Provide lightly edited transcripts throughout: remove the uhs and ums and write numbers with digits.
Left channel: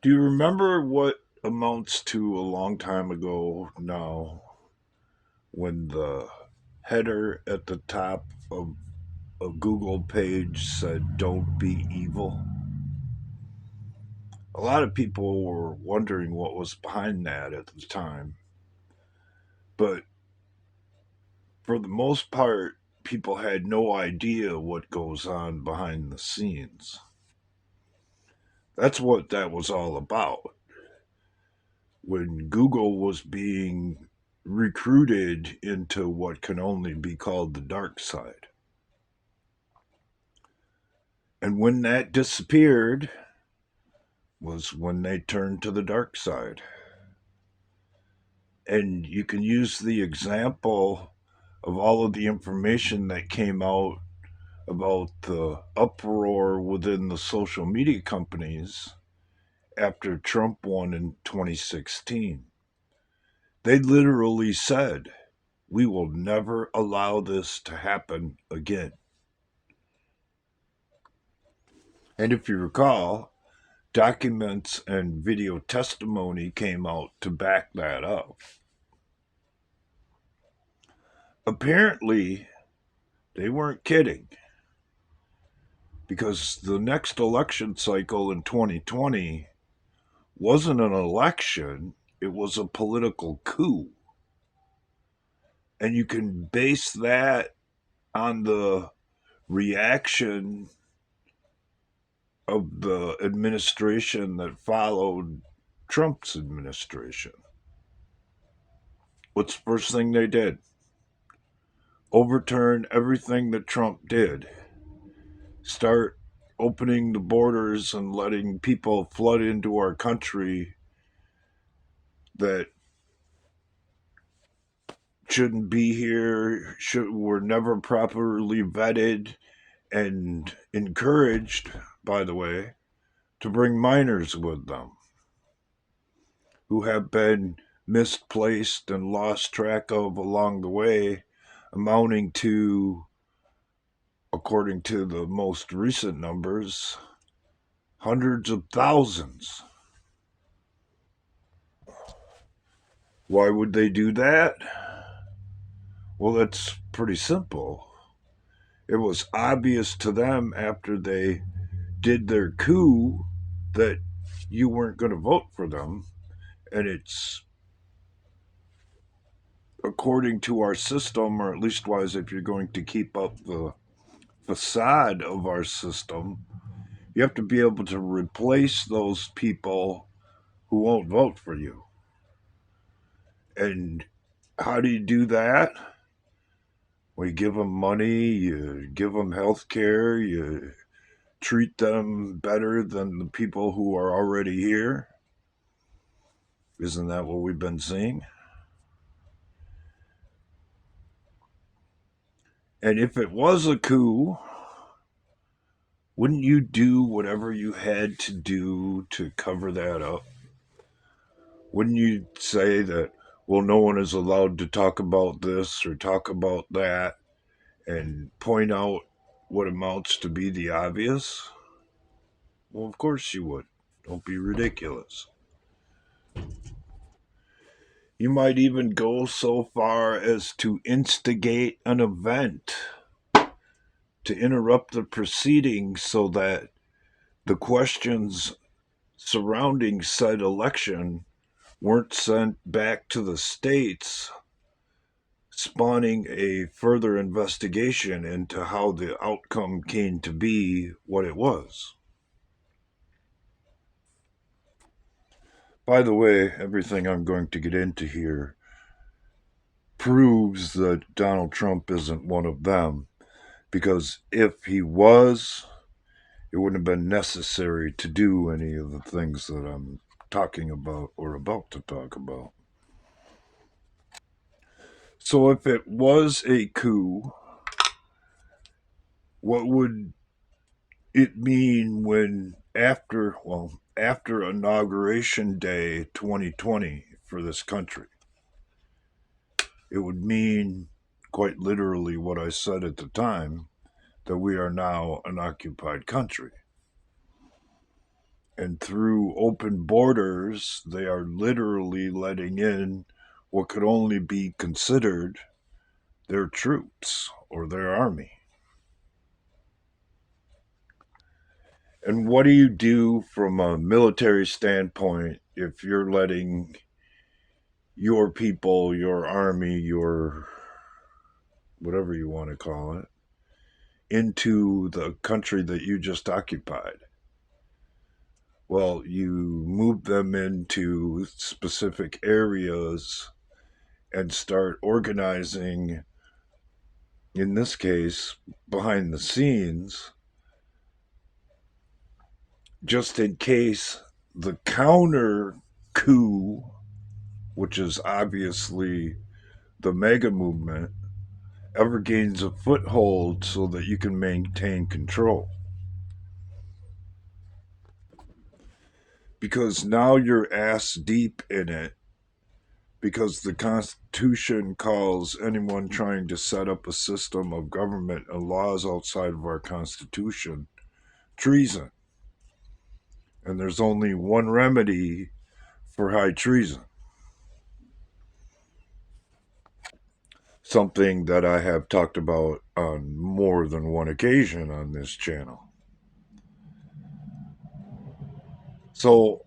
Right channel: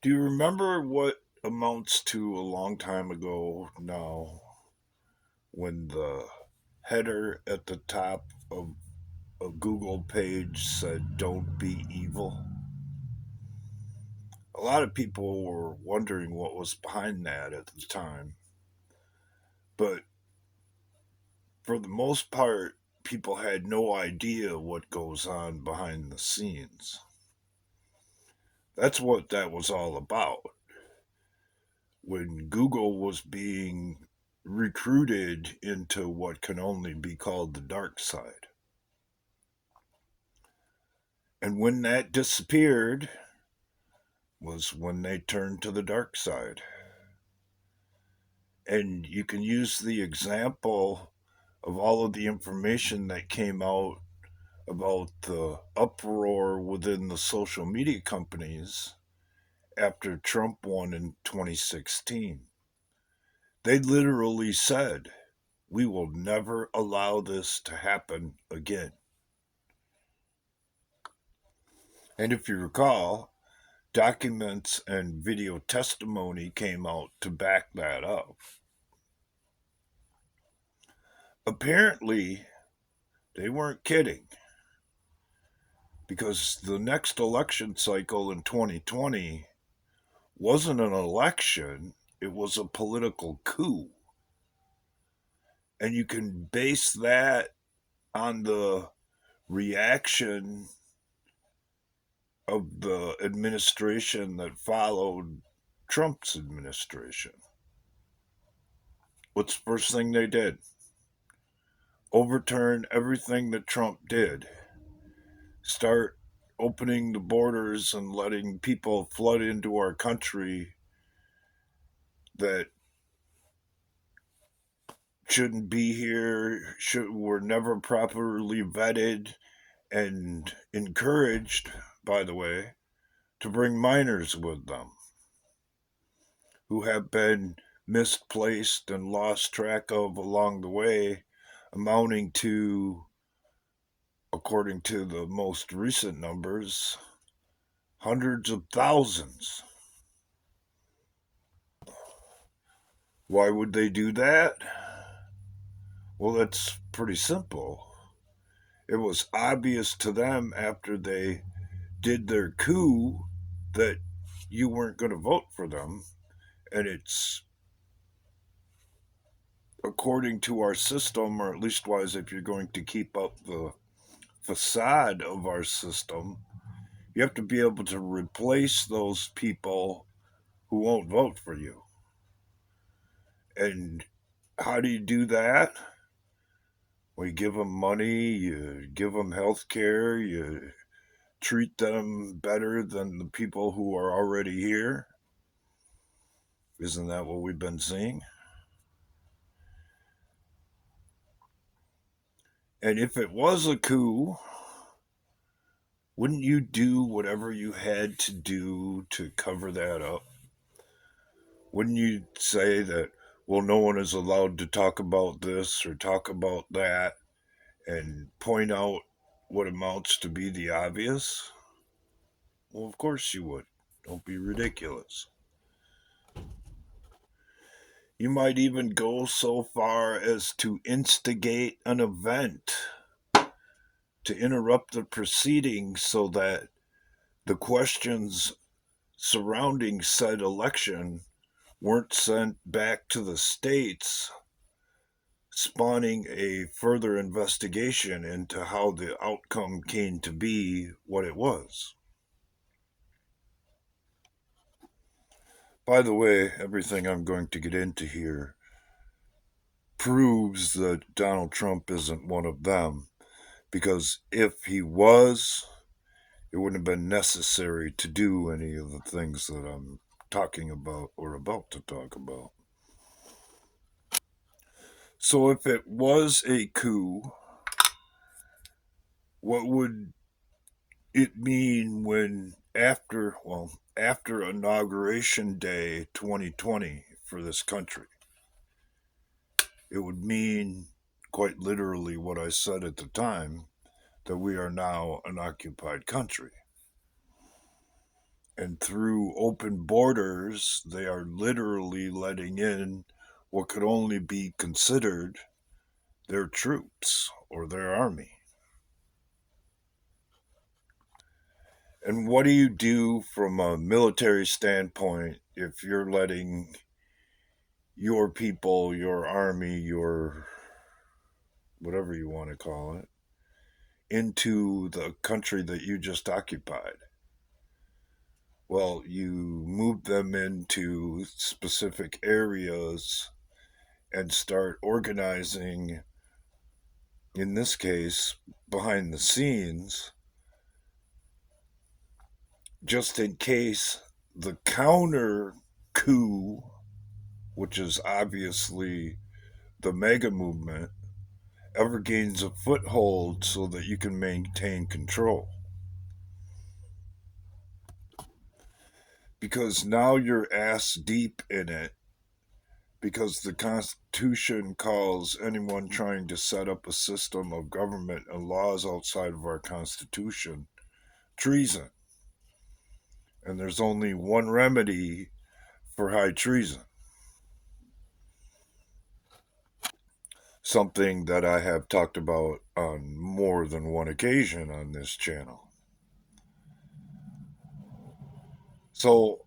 Do you remember what amounts to a long time ago now when the header at the top of a Google page said, "Don't be evil"? A lot of people were wondering what was behind that at the time, but for the most part, people had no idea what goes on behind the scenes. That's what that was all about. When Google was being recruited into what can only be called the dark side. And when that disappeared was when they turned to the dark side. And you can use the example of all of the information that came out about the uproar within the social media companies after Trump won in 2016. They literally said, "We will never allow this to happen again." And if you recall, documents and video testimony came out to back that up. Apparently, they weren't kidding because the next election cycle in 2020 wasn't an election, it was a political coup. And you can base that on the reaction of the administration that followed Trump's administration. What's the first thing they did? Overturn everything that Trump did. Start opening the borders and letting people flood into our country that shouldn't be here, were never properly vetted and encouraged, by the way, to bring minors with them who have been misplaced and lost track of along the way, amounting to, according to the most recent numbers, hundreds of thousands. Why would they do that? Well, that's pretty simple. It was obvious to them after they did their coup that you weren't going to vote for them. And it's according to our system, or at least was if you're going to keep up the facade of our system, you have to be able to replace those people who won't vote for you. And how do you do that? We give them money, you give them health care, you treat them better than the people who are already here. Isn't that what we've been seeing? And if it was a coup, wouldn't you do whatever you had to do to cover that up? Wouldn't you say that, well, no one is allowed to talk about this or talk about that and point out what amounts to be the obvious? Well, of course you would. Don't be ridiculous. You might even go so far as to instigate an event to interrupt the proceedings so that the questions surrounding said election weren't sent back to the states, spawning a further investigation into how the outcome came to be what it was. By the way, everything I'm going to get into here proves that Donald Trump isn't one of them, because if he was, it wouldn't have been necessary to do any of the things that I'm talking about or about to talk about. So if it was a coup, what would it mean when after inauguration day 2020 for this country? It would mean quite literally what I said at the time, that we are now an occupied country. And through open borders, they are literally letting in what could only be considered their troops or their army. And what do you do from a military standpoint if you're letting your people, your army, your whatever you want to call it, into the country that you just occupied? Well, you move them into specific areas and start organizing, in this case, behind the scenes, just in case the counter coup, which is obviously the mega movement, ever gains a foothold so that you can maintain control. Because now you're ass deep in it, because the Constitution calls anyone trying to set up a system of government and laws outside of our Constitution treason. And there's only one remedy for high treason, something that I have talked about on more than one occasion on this channel. So,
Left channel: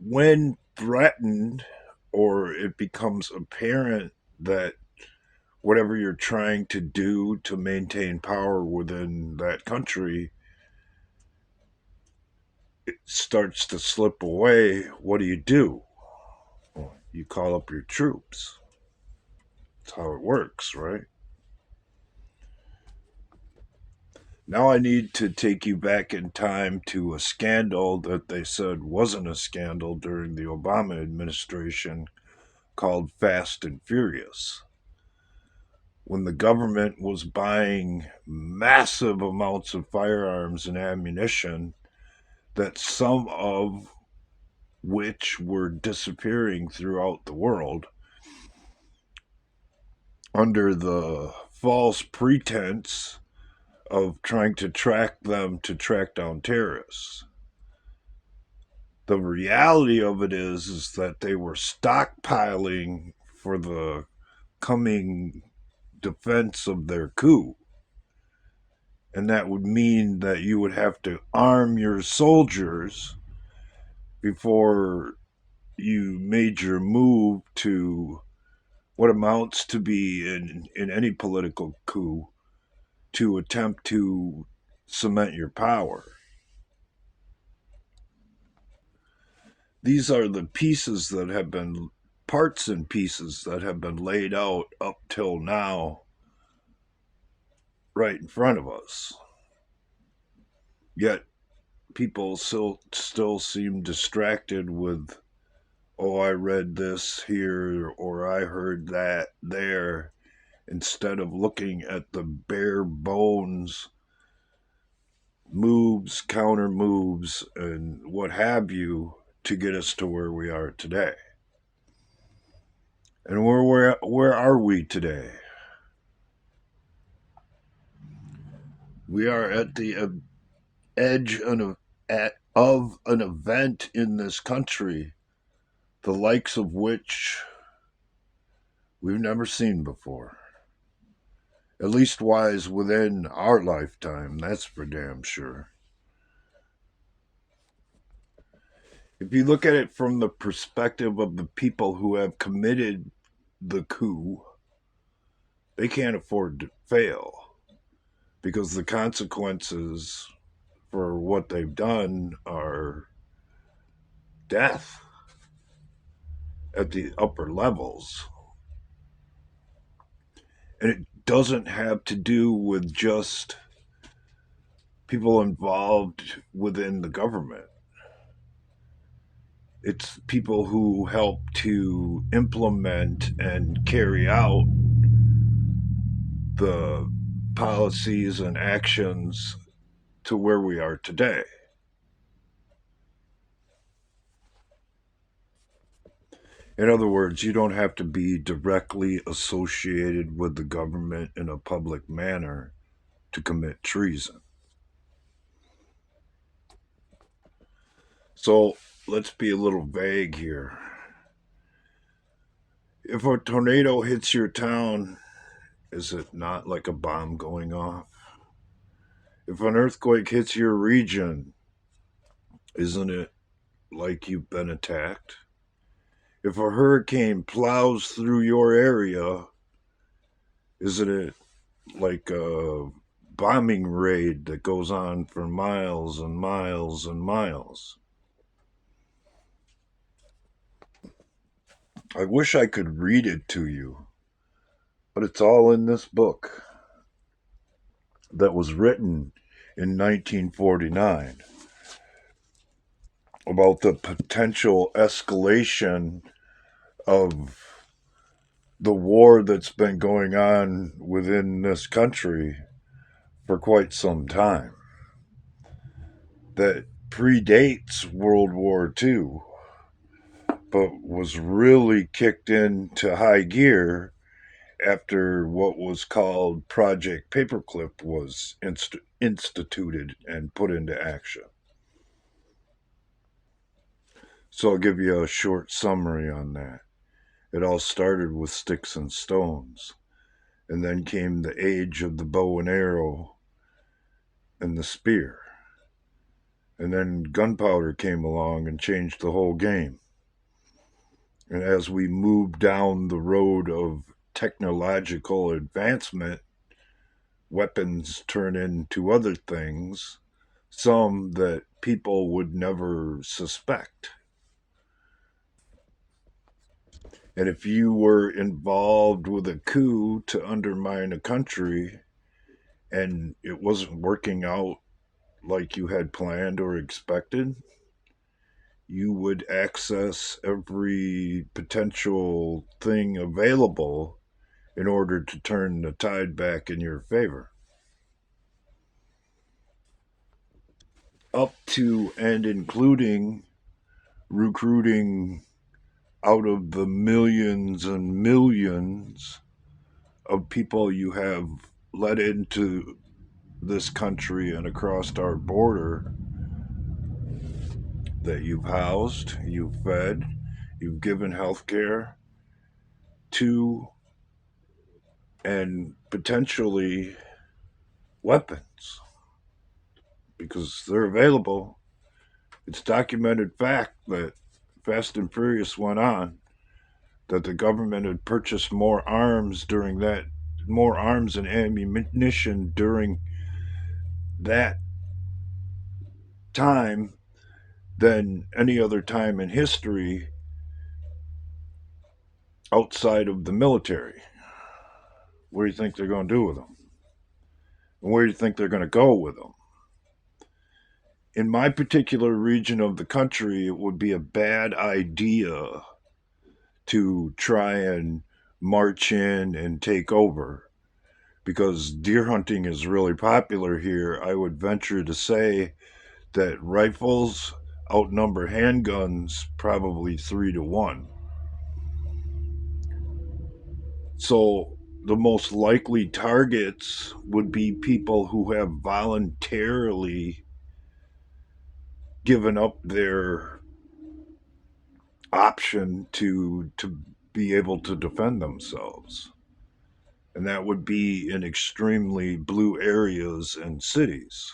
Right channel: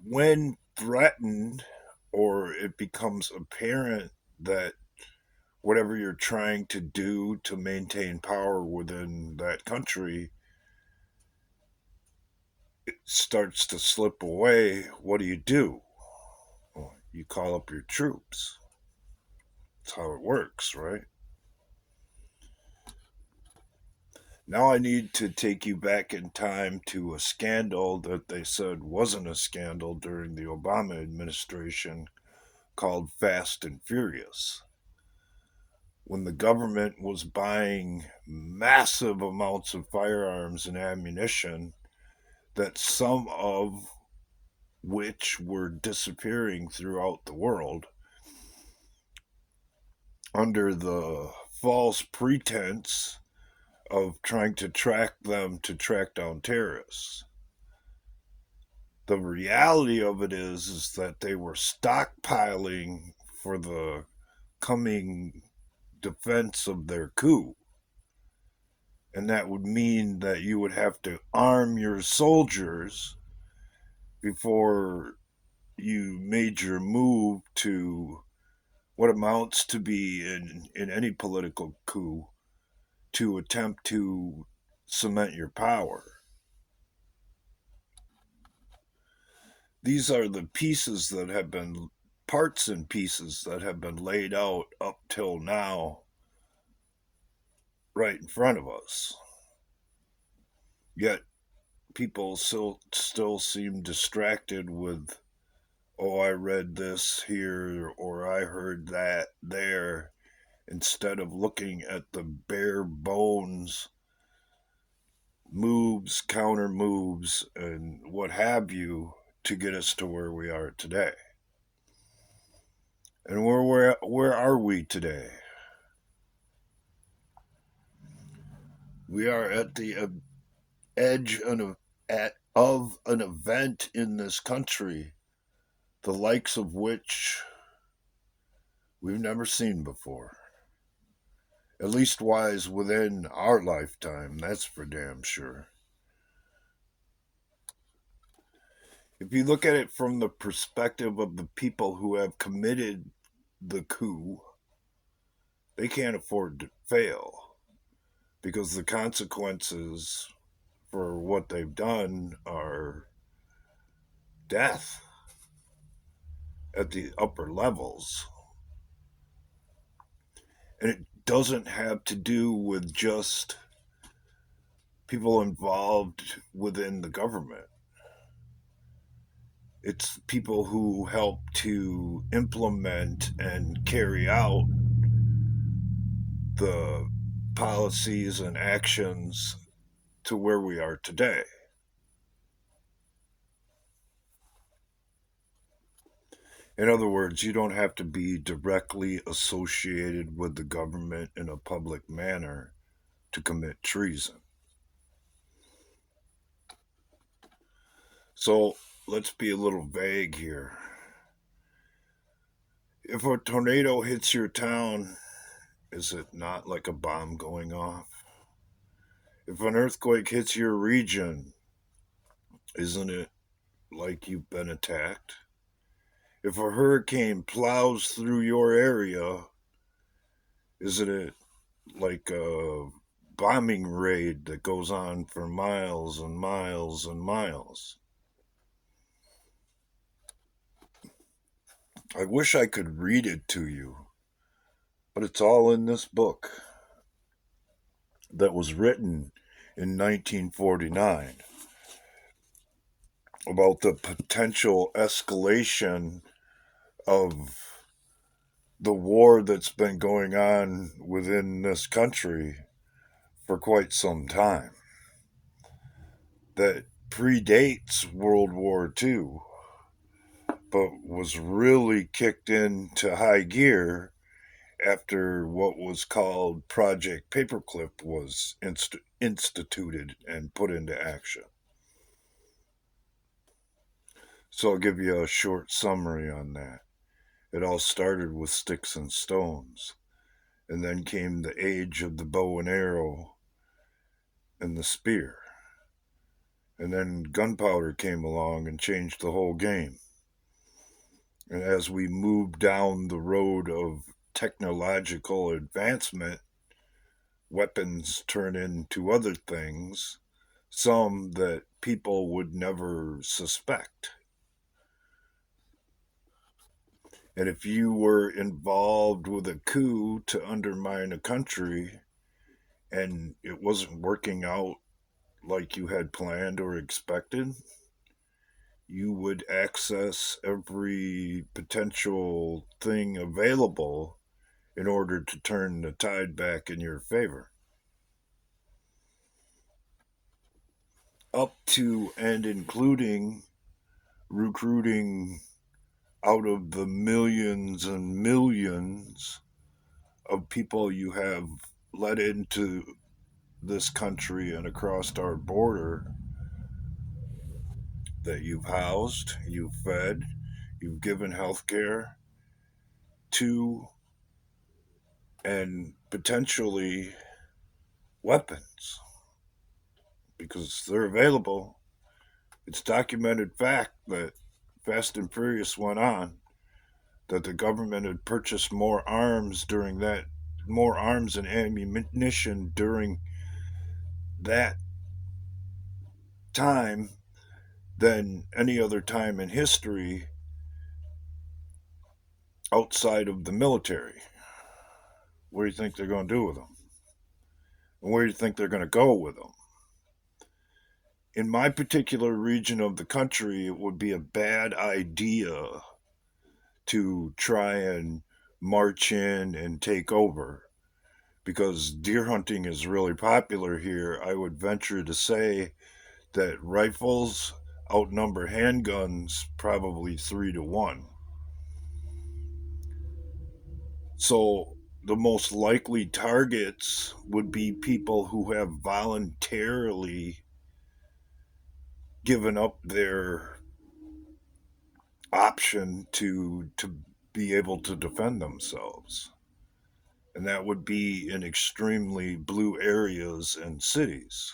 when threatened or it becomes apparent that whatever you're trying to do to maintain power within that country it starts to slip away, what do? Well, you call up your troops. That's how it works, right? Now I need to take you back in time to a scandal that they said wasn't a scandal during the Obama administration called Fast and Furious. When the government was buying massive amounts of firearms and ammunition, that some of which were disappearing throughout the world under the false pretense of trying to track them to track down terrorists. The reality of it is that they were stockpiling for the coming defense of their coup. And that would mean that you would have to arm your soldiers before you made your move to what amounts to be in any political coup to attempt to cement your power. These are the pieces that have been parts and pieces that have been laid out up till now right in front of us. Yet people still seem distracted with, oh, I read this here or I heard that there, instead of looking at the bare bones moves, counter moves, and what have you to get us to where we are today. And where are we today? We are at the edge of an event in this country, the likes of which we've never seen before. At least wise within our lifetime, that's for damn sure. If you look at it from the perspective of the people who have committed the coup, they can't afford to fail because the consequences for what they've done are death at the upper levels. And it doesn't have to do with just people involved within the government. It's people who help to implement and carry out the policies and actions to where we are today. In other words, you don't have to be directly associated with the government in a public manner to commit treason. So let's be a little vague here. If a tornado hits your town, is it not like a bomb going off? If an earthquake hits your region, isn't it like you've been attacked? If a hurricane plows through your area, isn't it like a bombing raid that goes on for miles and miles and miles? I wish I could read it to you, but it's all in this book that was written in 1949 about the potential escalation of the war that's been going on within this country for quite some time that predates World War II, but was really kicked into high gear after what was called Project Paperclip was instituted and put into action. So I'll give you a short summary on that. It all started with sticks and stones, and then came the age of the bow and arrow and the spear. And then gunpowder came along and changed the whole game. And as we move down the road of technological advancement, weapons turn into other things, some that people would never suspect. And if you were involved with a coup to undermine a country and it wasn't working out like you had planned or expected, you would access every potential thing available in order to turn the tide back in your favor. Up to and including recruiting out of the millions and millions of people you have let into this country and across our border that you've housed, you've fed, you've given health care to, and potentially weapons because they're available. It's documented fact that Fast and Furious went on that the government had purchased more arms and ammunition during that time than any other time in history outside of the military. What do you think they're going to do with them? And where do you think they're going to go with them? In my particular region of the country, it would be a bad idea to try and march in and take over because deer hunting is really popular here. I would venture to say that rifles outnumber handguns probably 3 to 1. So the most likely targets would be people who have voluntarily given up their option to be able to defend themselves. And that would be in extremely blue areas and cities.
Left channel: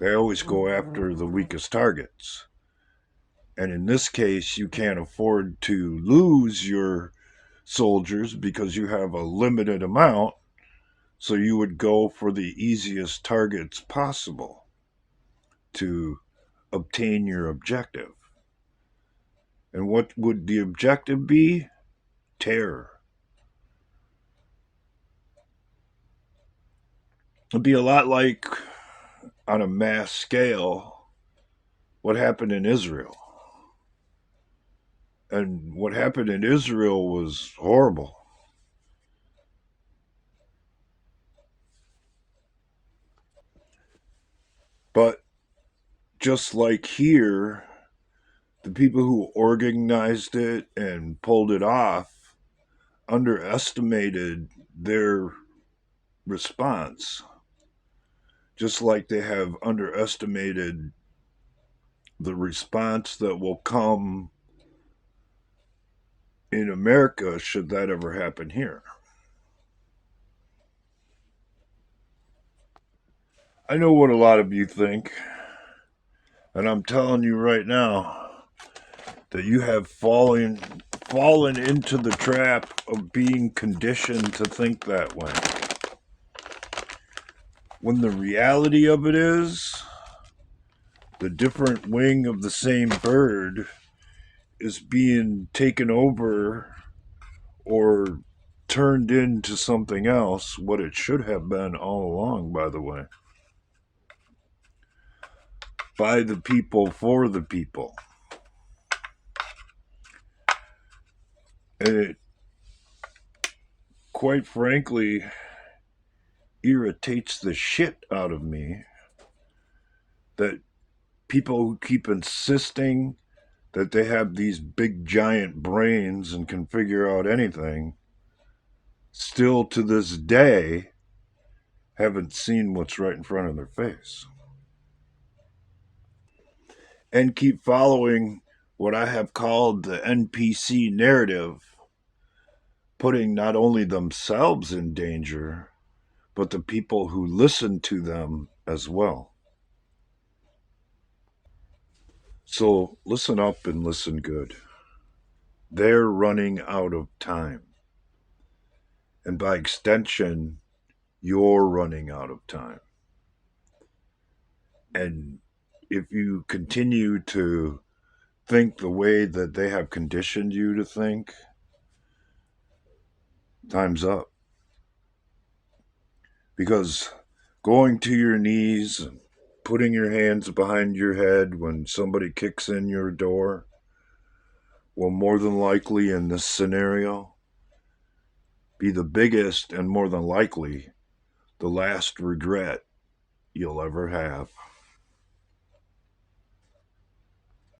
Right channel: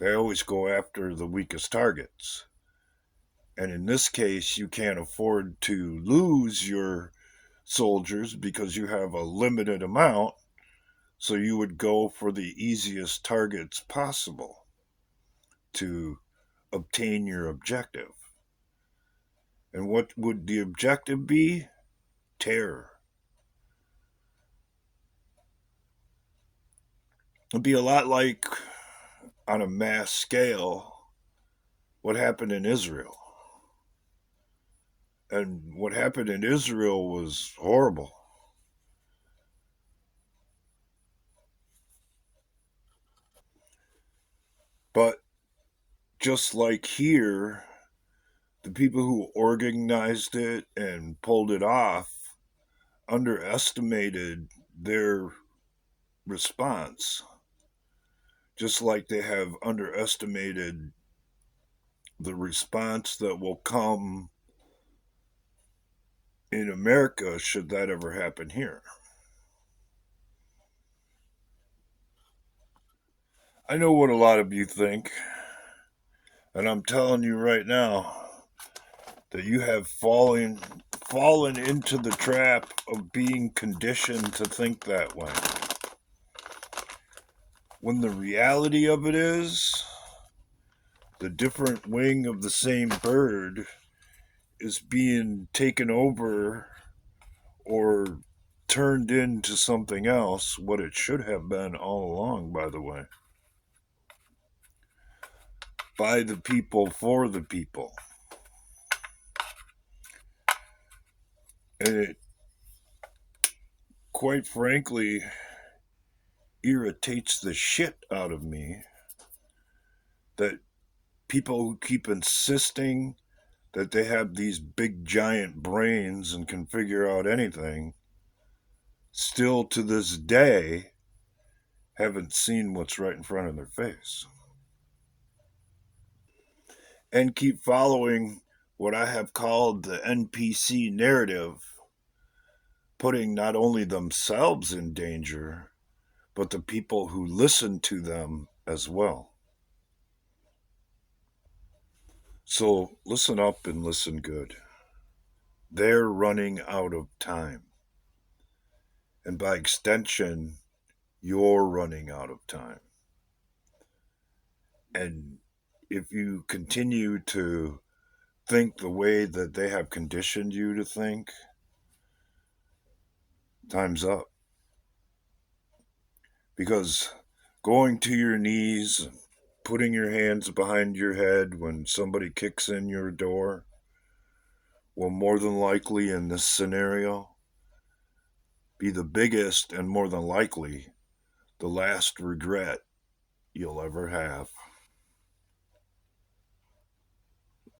They always go after the weakest targets. And in this case, you can't afford to lose your soldiers because you have a limited amount. So you would go for the easiest targets possible to obtain your objective. And what would the objective be? Terror. It'd be a lot like, on a mass scale, what happened in Israel. And what happened in Israel was horrible. But just like here, the people who organized it and pulled it off underestimated their response, just like they have underestimated the response that will come in America should that ever happen here. I know what a lot of you think, and I'm telling you right now that you have fallen into the trap of being conditioned to think that way. When the reality of it is, the different wing of the same bird is being taken over or turned into something else, what it should have been all along, by the way. By the people, for the people. And it, quite frankly, irritates the shit out of me that people who keep insisting that they have these big giant brains and can figure out anything still to this day haven't seen what's right in front of their face and keep following what I have called the NPC narrative, putting not only themselves in danger but the people who listen to them as well. So listen up and listen good. They're running out of time. And by extension, you're running out of time. And if you continue to think the way that they have conditioned you to think, time's up. Because going to your knees and putting your hands behind your head when somebody kicks in your door will more than likely in this scenario be the biggest and more than likely the last regret you'll ever have.